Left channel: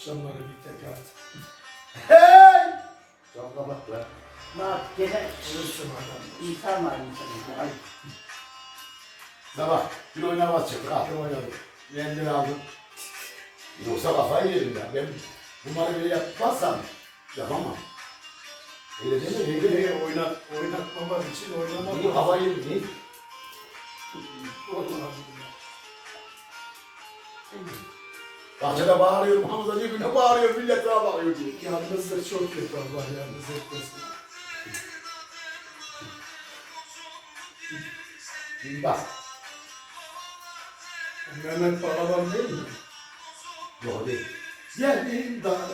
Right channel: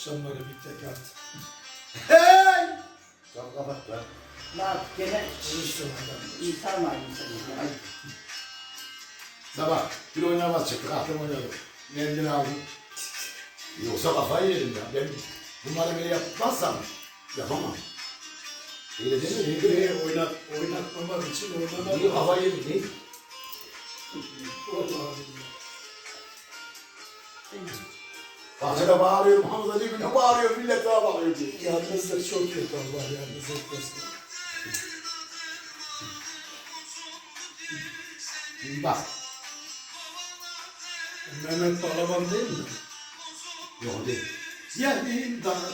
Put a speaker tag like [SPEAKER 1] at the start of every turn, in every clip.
[SPEAKER 1] Akşamları bir tek at.
[SPEAKER 2] Hey! Cam kapat lan.
[SPEAKER 3] Bak gene
[SPEAKER 1] Olursun adam.
[SPEAKER 3] insan var insanın.
[SPEAKER 2] Ay. Sabah bir oynamaz çıktık. Akşam oynadık. Mendil aldım. Yoksa kafayı yedim ya. Ben bunları böyle yapmazsam yapamam. Öyle değil mi?
[SPEAKER 1] Şeyleri oynatmamak için oynamak.
[SPEAKER 2] Niye kafayı yedim? Niye? Bahçede bağırıyorum. Hamza diyor ne bağırıyor? Millet daha bağırıyor diyor.
[SPEAKER 1] Yalnızlık çok kötü, Allah yalnız etmesin.
[SPEAKER 2] Şimdi bak.
[SPEAKER 1] Mehmet Balaban değil mi?
[SPEAKER 2] Yok değil.
[SPEAKER 1] Yerin dağı.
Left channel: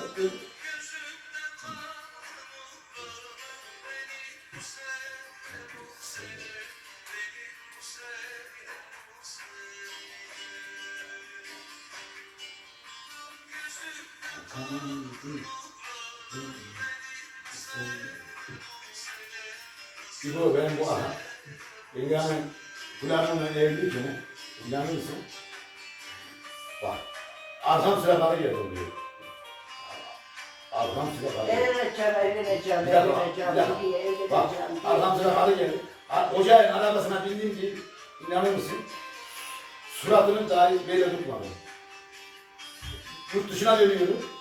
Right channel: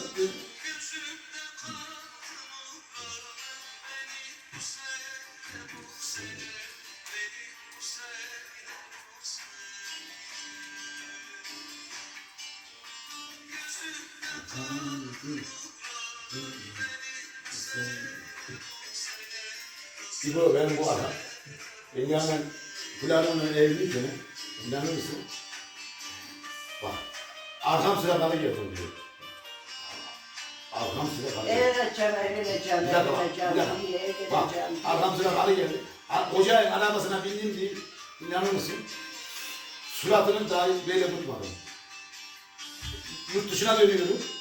[SPEAKER 2] İbo ben bu adam. Yani Fulan'ın evliyken, inanır mısın? Bak, arkam sırakalı geldim diyor. Arkam sırakalı geldi.
[SPEAKER 3] Evleneceğim, evleneceğim,
[SPEAKER 2] Bir dakika,
[SPEAKER 3] evleneceğim,
[SPEAKER 2] bir dakika.
[SPEAKER 3] diye
[SPEAKER 2] Bak,
[SPEAKER 3] evleneceğim.
[SPEAKER 2] arkam sırakalı geldi. Ocağın arabasına bindim diye, inanır mısın? Suratını dahi böyle tutmadım. Yurt dışına dönüyorum.